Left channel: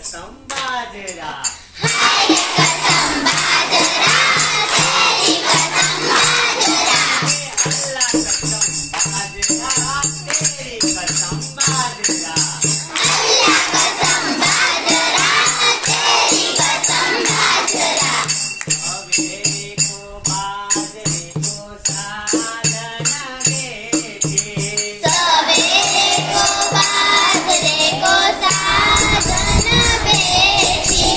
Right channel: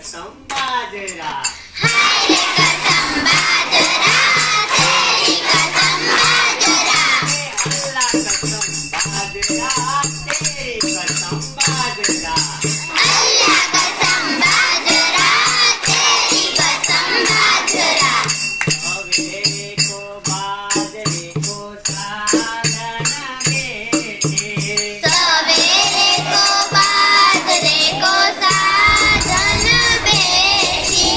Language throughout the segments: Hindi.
कसम बाजरा, हाय रे कसम बाजरा, तेरी कसम बाजरा, अल्लाह कसम बाजरा, तेरी कसम बाजरा, अल्लाह कसम बाजरा, तेरी कसम बाजरा, सवेरे को बाजरे को साधन बेटे, सवेरे को बाजरे को साधन बेटी,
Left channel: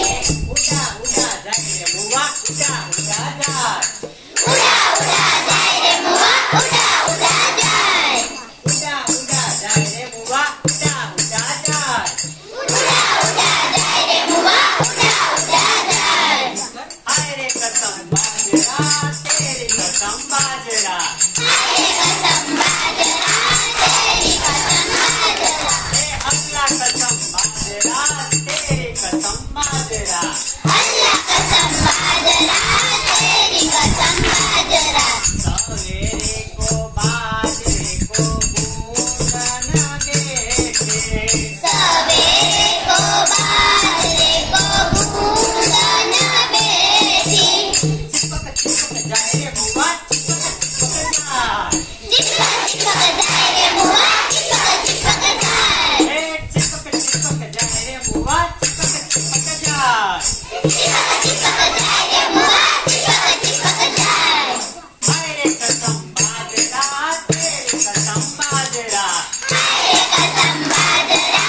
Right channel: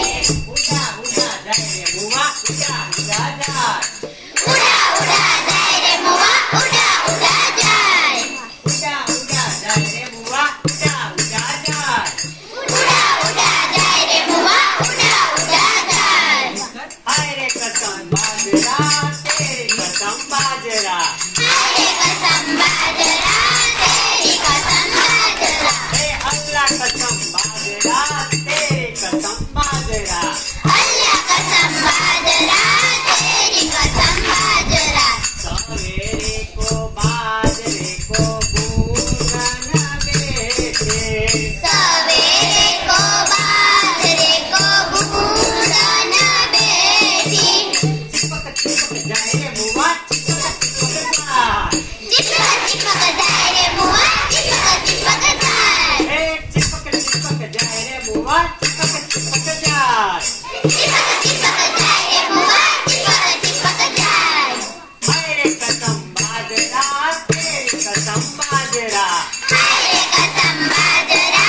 उड़ा उड़ा जाए रे मुआ, उड़ा उड़ा जाए, उड़ा उड़ा जाए रे मुआ, उड़ा उड़ा जाए, उड़ा उड़ा जाए रे मुआ, उड़ा उड़ा जाए, उड़ा उड़ा जाए रे मुआ, उड़ा उड़ा जाए, हाय रे कसम बाजरा, तेरी कसम बाजरा, हाय रे कसम बाजरा, तेरी कसम बाजरा, अल्लाह कसम बाजरा, तेरी कसम बाजरा, अल्लाह कसम बाजरा, तेरी कसम बाजरा, सवेरे को बाजरे को बूंदन बेटे, सवेरे को बाजरे को बूंदन बेटी, चिपक चिपक जाए रे मुआ, चिपक चिपक जाए, चिपक चिपक जाए रे मुआ, चिपक चिपक जाए, चिपक चिपक जाए रे मुआ, चिपक चिपक जाए, चिपक चिपक जाए रे मुआ, चिपक चिपक जाए, हाय रे कसम बाजरा, तेरी कसम बाजरा, हाय रे कसम बाजरा,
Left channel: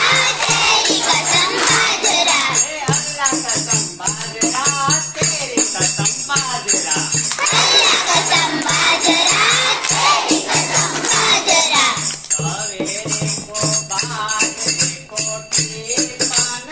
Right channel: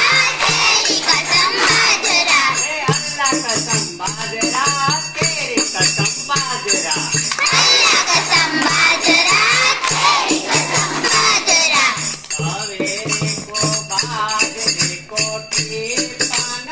तेरी कसम बाजरा, अल्लाह कसम बाजरा, तेरी कसम बाजरा, अल्लाह कसम बाजरा, तेरी कसम बाजरा, सवेरे को बाजरे को टिपन